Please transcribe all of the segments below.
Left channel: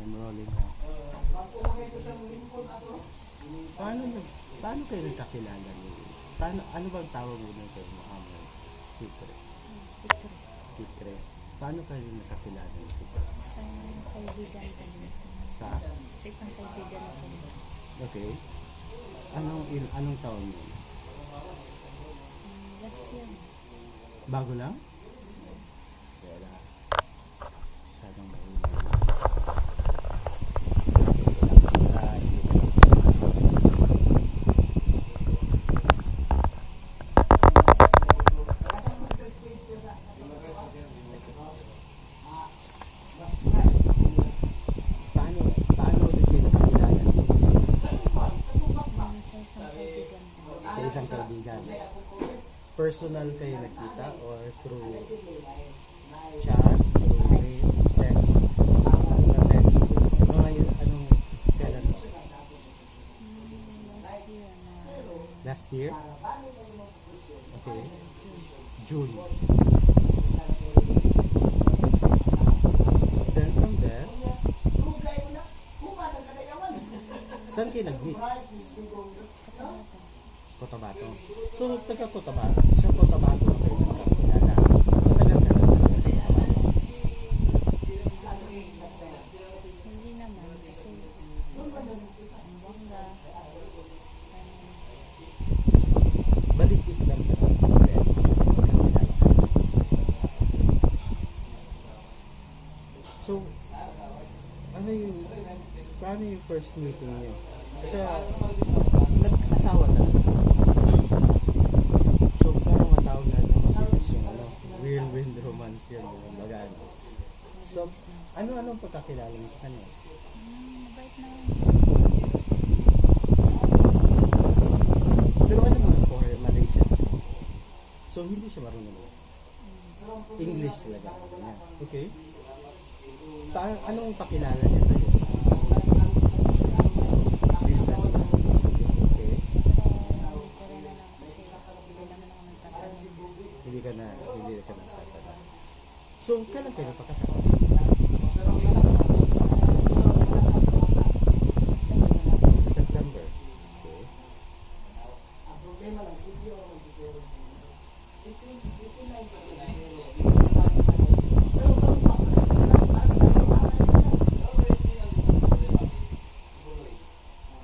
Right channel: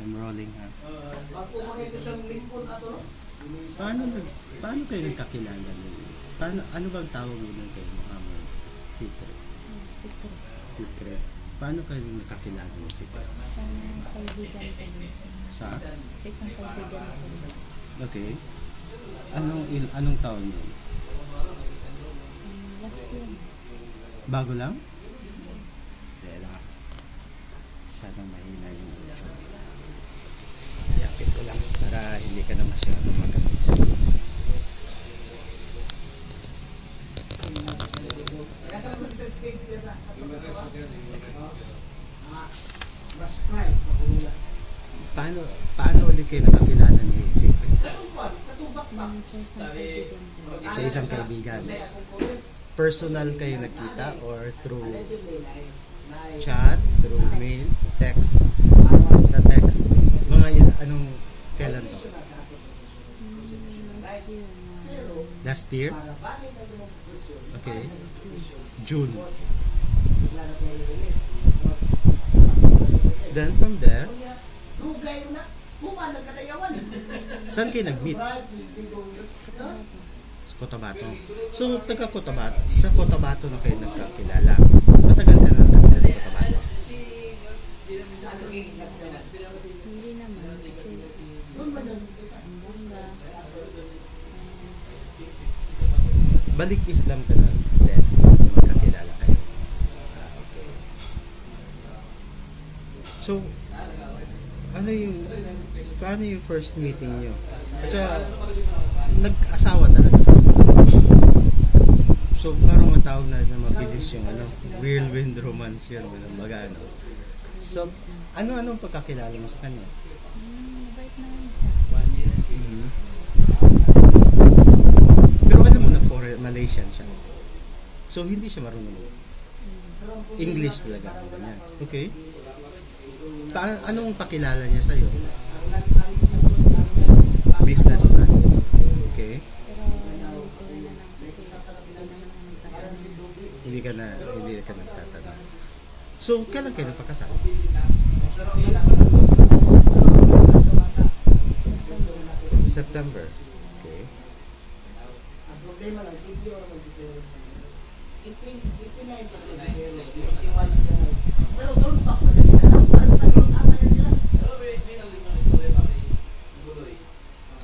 I'm rolling ha. Paano, paano kayo nagkakilala mo? Paano, ano bang tawag mo na kayo? Mukha mo? Fikre. Fikre. Paano kayo nagkakilala mo, Fikre? Sa kaibigan ko. Sa isang kaibigan ko. Okay. Anong taon mo? Last year. Bago lang? Dela. Masyadong mahinay mo. Yapit ko lang para hindi ka na masyadong magkakaroon. Paano ulit kayo nakakilala ni sa isang kaibigan? Personal kayo nakita or through chat, through mail, text? Sa text. Mga anong kailan to? Last year? Okay. June. Then from there, saan kayo nag-meet? Sa Cotabato. So, taga Cotabato. Sa Cotabato na kayo nagkakilala. Matagal ka na nakakilala sa Cotabato? Hindi naman. Kasi Zamboanga. Balik Islam ka na. Then, kakilala kayo. Okay. So, paano yung first meeting nyo? Kasi, nag-asawa talaga. So, parang matawag na mabilis yung whirlwind romance yun. Baga, So, ano-anong pagkakilala mo sa kanya? Mabait naman. Pero alam mo na foreign Malaysian siya. So, hindi siya marunong. English talaga. Okay. Anong pakilala niya sa'yo? Businessman. Okay. Hindi ka nagtatanong. So, kailan kayo nagpakasal? September. Okay.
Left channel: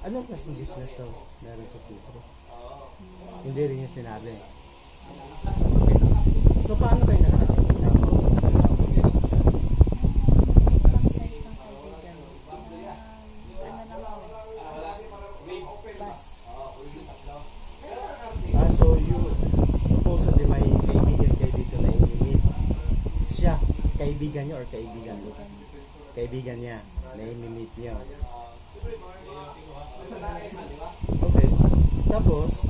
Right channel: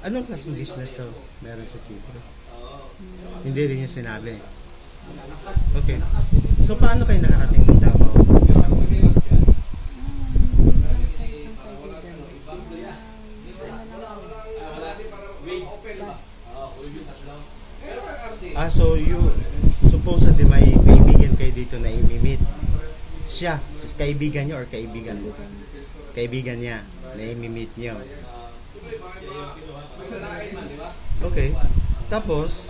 Anong klaseng business daw meron sa Kipro? Hindi rin niya sinabi. Okay. So, paano kayo nakarating ng Davao? So you supposedly may kaibigan kayo dito na imimit. Siya, kaibigan niyo or kaibigan mo? Kaibigan niya na imimit niyo. Okay. Tapos,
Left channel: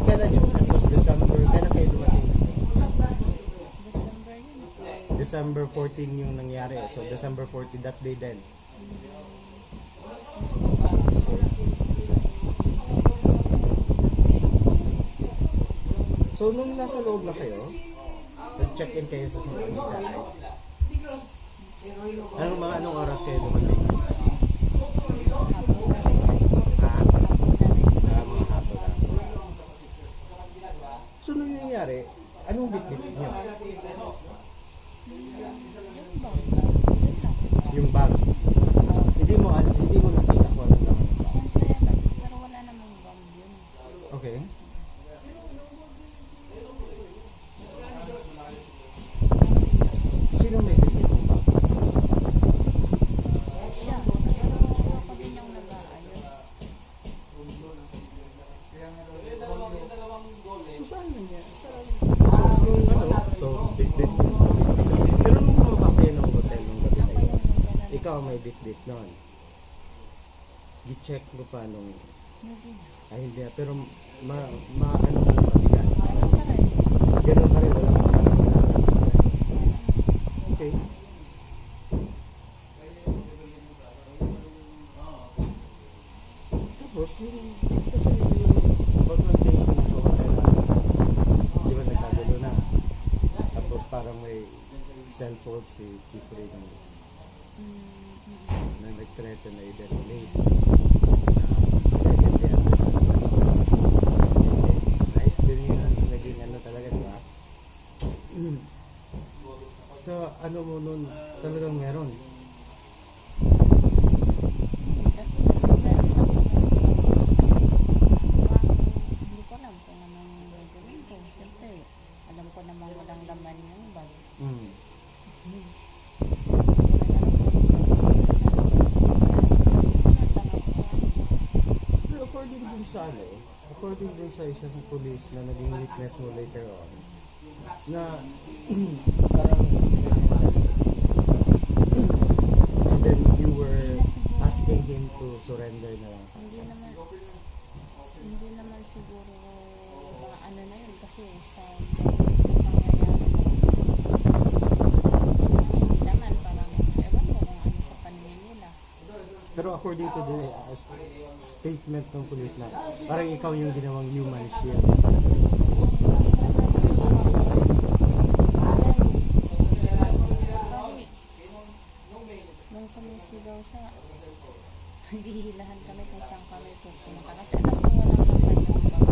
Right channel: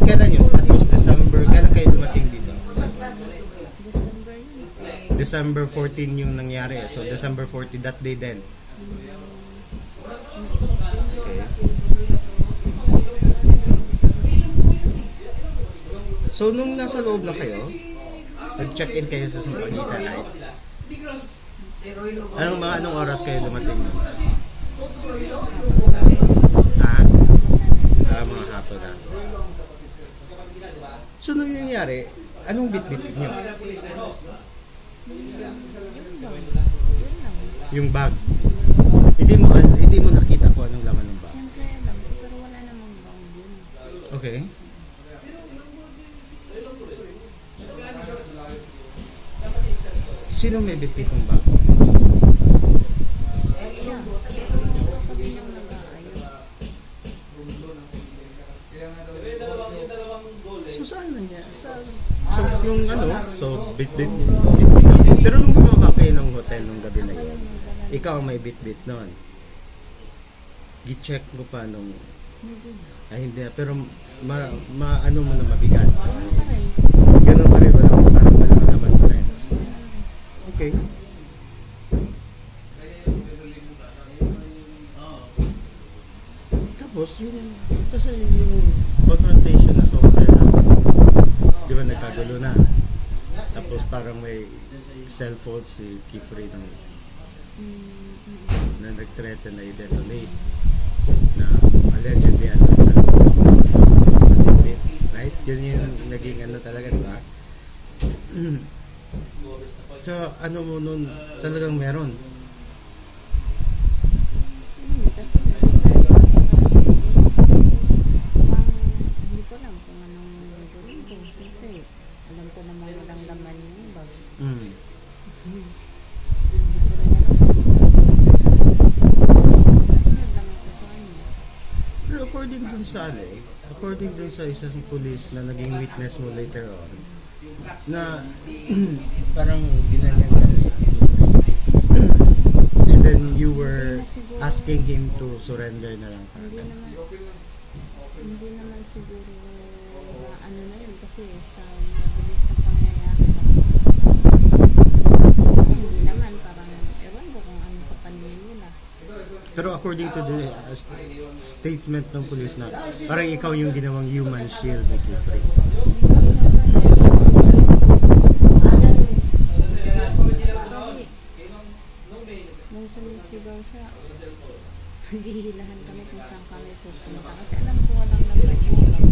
kailan yun? Tapos December, kailan kayo dumating dito? December 14 yung nangyari. So, December 14, that day then. Okay. So, nung nasa loob na kayo, nag-check-in kayo sa Sampaguita, right? Anong oras kayo dumating? Mga hapon na. So, nung nangyari, anong bit-bit nyo? Yung bag. Hindi mo nakita kung anong laman ng bag. Pero wala namang bag yun. Okay. Sino may bit-bit ng bag? Siya. Pero ako din yung nag-aayos. So, saan na niya? So, yung bit-bit. Pero nung bumaba kayo ng hotel nung gabi na yun, ikaw ang may bit-bit nun. Gi-check mo pa nung... Ay, hindi. Pero, ano mo mabigat? Ganun pa rin. Walang malaman pa rin. Okay. Tapos, kasi yung confrontation na sa hotel, di ba nagkagulo na? Tapos parang may cellphone si Kifrey ng na nag-threaten na i-detonate na allegedly sa right? Yun yung naging ano talaga, di ba? So, ano mo nun, talagang meron. Kasi hindi ko alam kung anong gagawin ko. Siyempre, alam ko namang walang laman yung bag. Pero according dun sa isang police na naging witness mo later on, na parang ginanyan ka and then you were asking him to surrender na lang. Hindi naman siguro ano na yun kasi sa mabilis na pangyayari hindi naman parang ewan ko kung ano sa paningin nila. Pero according to the statement ng police na parang ikaw yung ginawang human shield. Nung sumisigaw siya, naghihilahan kami kung saan kami pupunta. Kasi alam ko walang laman yung bag.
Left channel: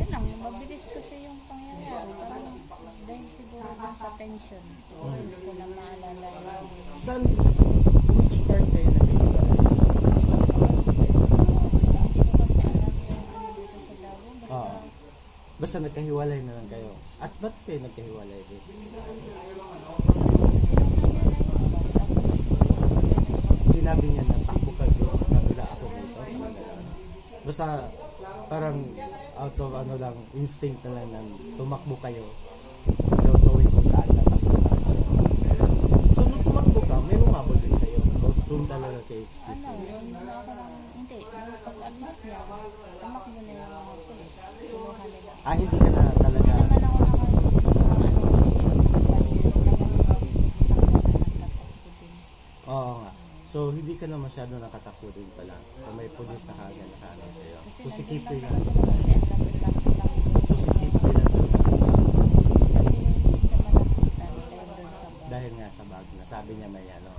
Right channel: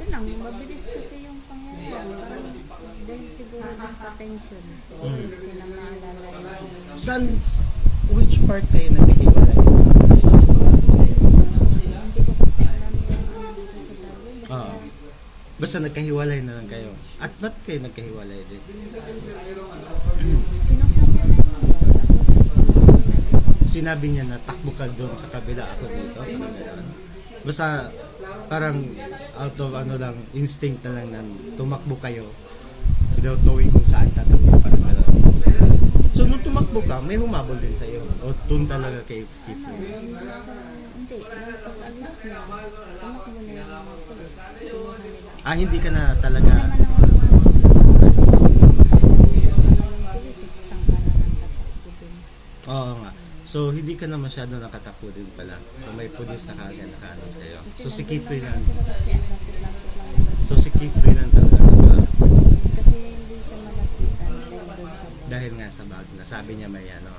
Yun lang, mabilis kasi yung pangyayari. Parang dahil siguro lang sa tension. Hindi ko na maalala yung... Saan, which part kayo naghihiwalay? Hindi ko kasi alam yung ano dito sa Davao. Basta nagkahiwalay na lang kayo. At ba't kayo nagkahiwalay din? Sinabi niya na takbo ka doon sa kabila, ako dito. Parang gano'n. Basta parang out of ano lang, instinct na lang na tumakbo kayo without knowing kung saan tatakbo. Parang gano'n. So nung tumakbo ka, may humabol din sa'yo. O doon talaga kay Fifi? Hindi. Nung pag-alis niya, tumakbo na yung mga polis. Kinuha nila. Hindi ka na talaga... Oo nga. So, hindi ka na masyado nakatakbo din pala. So, may pulis na kaagad nakaano sa'yo. So, si Kifrey lang. So, si Kifrey lang talaga. Kasi hindi siya malapitan dahil nga sa bag na sabi niya may ano.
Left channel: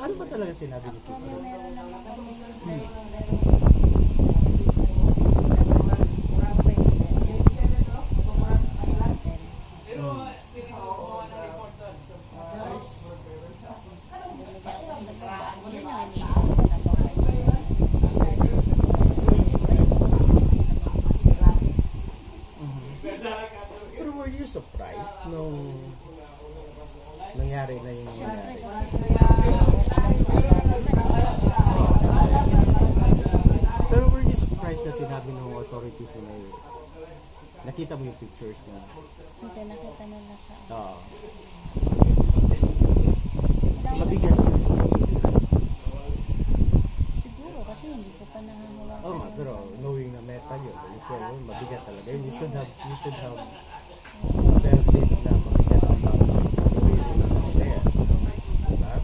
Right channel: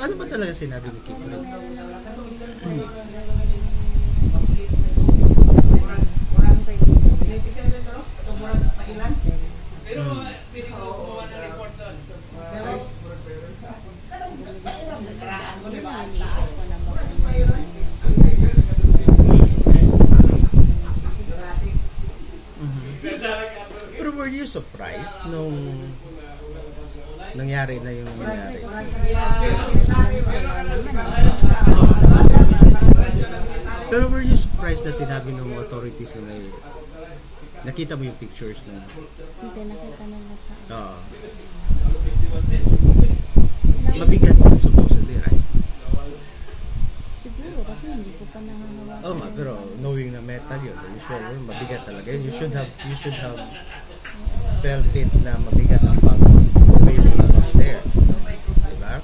Ano ba talaga sinabi ni Kifrey? Pero were you surprised nung nangyari na yung nangyari? Pero were you surprised na sinabi ng authorities na may nakita mo yung pictures na? Hindi, nakita nila sa Oo. Mabigat yun supposedly, right? siguro kasi hindi ko pa nangangawakan. Oo nga, pero knowing na metal yun, usually mabigat talaga yun. You should have felt it na mabigat ang bag really was there. Diba?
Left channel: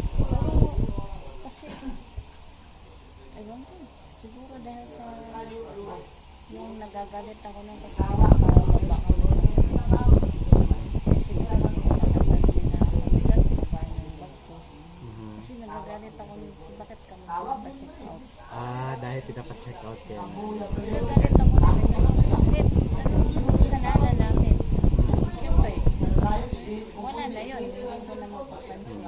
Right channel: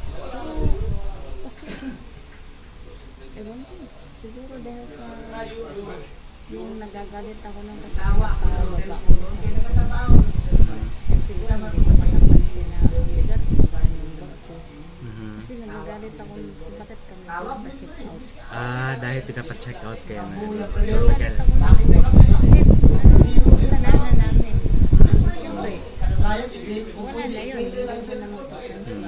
Kasi, ewan ko, siguro dahil sa yung nagagalit ako ng kasama para waba ko sa kasi siguro hindi ko matapansin na bigat ko ba yung bag ko. Kasi nagagalit ako bakit kami pa-check out. Dahil pinapacheck out kayo na. So, nagagalit ako na bakit sa nana namin. Siyempre, wala na yun. Hindi ko na mapapansin.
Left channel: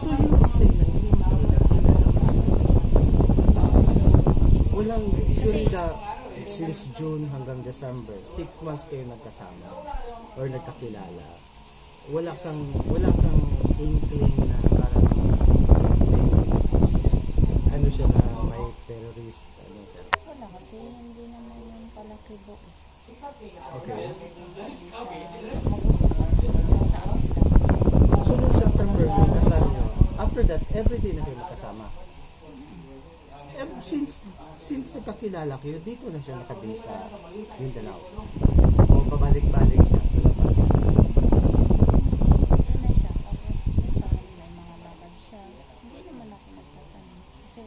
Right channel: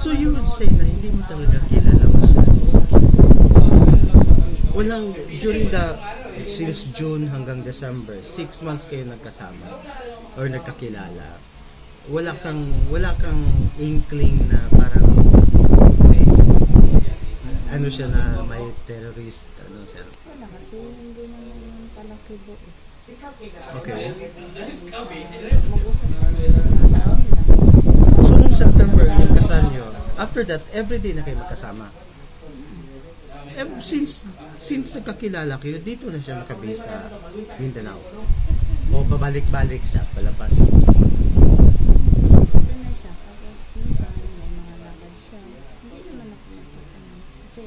So you would say na hindi mo talaga kilala masyado si Kifrey? Walang, during since June hanggang December, 6 months kayo nagkasama or nagkakilala. Wala kang inkling na parang may ano siya na may terrorist ano siya. Wala kasi hindi naman yung palakibo. Okay. Mag-usap kami sa amin lang. So nung September yung kasal nyo, after that everyday na kayo magkasama. Since nagkakilala kayo, dito na siya nakabase sa Mindanao. O babalik-balik siya palabas. Ito na siya. Tapos minsan may mga lakad siya. Hindi naman ako nagtatanong. Kasi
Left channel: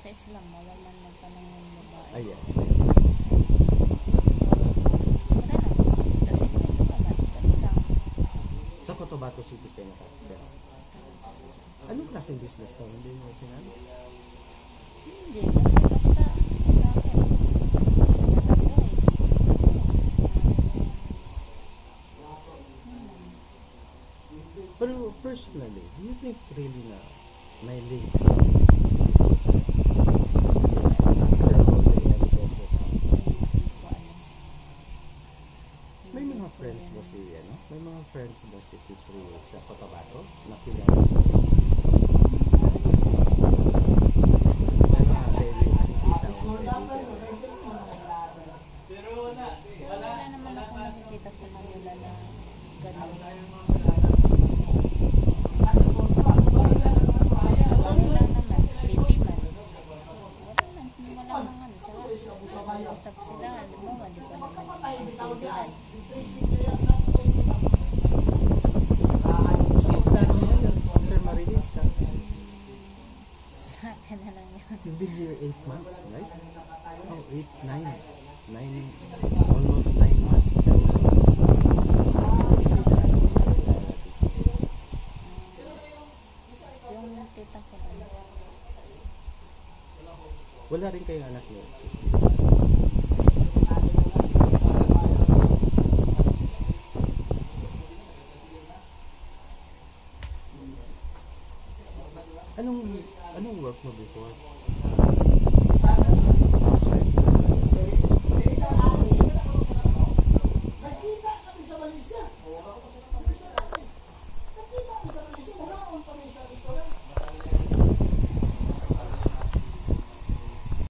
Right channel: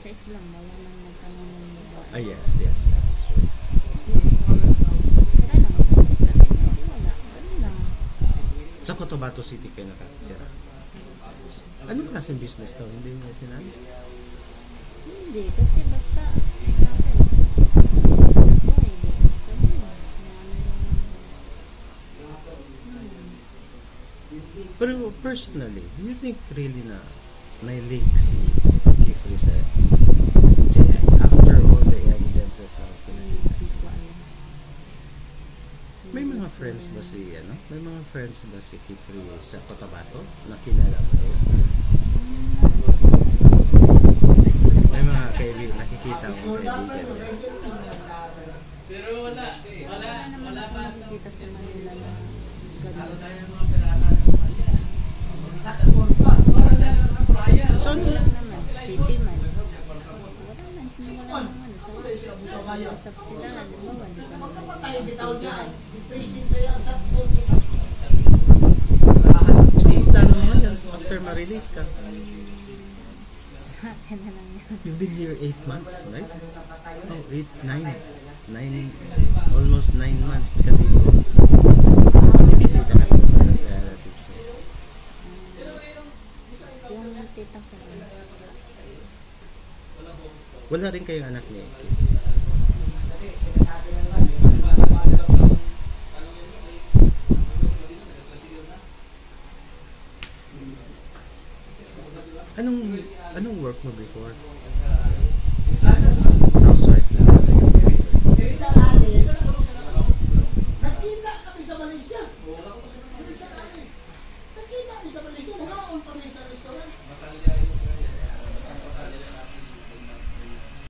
sa Islam, wala man nagtanong ng babae. Yes. That's true. Sa Cotabato City kayo nakatira. Anong klaseng business daw? Hindi niya sinabi. Hindi, kasi basta sa akin. Wala ko eh. Pero personally, do you think really na may links si Kifli sa Jeanette after all the evidences of may mga friends ba si ano? May mga friends ba si Kifli sa Cotabato na kilala mo? May mga kaibigan, nakikita mo kaibigan niya. Wala naman ako nakikita sa Manila na ganun. So, ano Lang naman, city man. Wala naman sa usap sila, halimbawa, hindi ko naman naiintindihan. so yung plano mo ngayon after ma-release ka? Sa akin na lang yun. You've been here 8 months, right? Oh, 8, 9. 9, almost 9 months ka dito. Binibisita ka ng relatives. Yung tita ko, Wala rin kayong anak niya. Anong work mo before?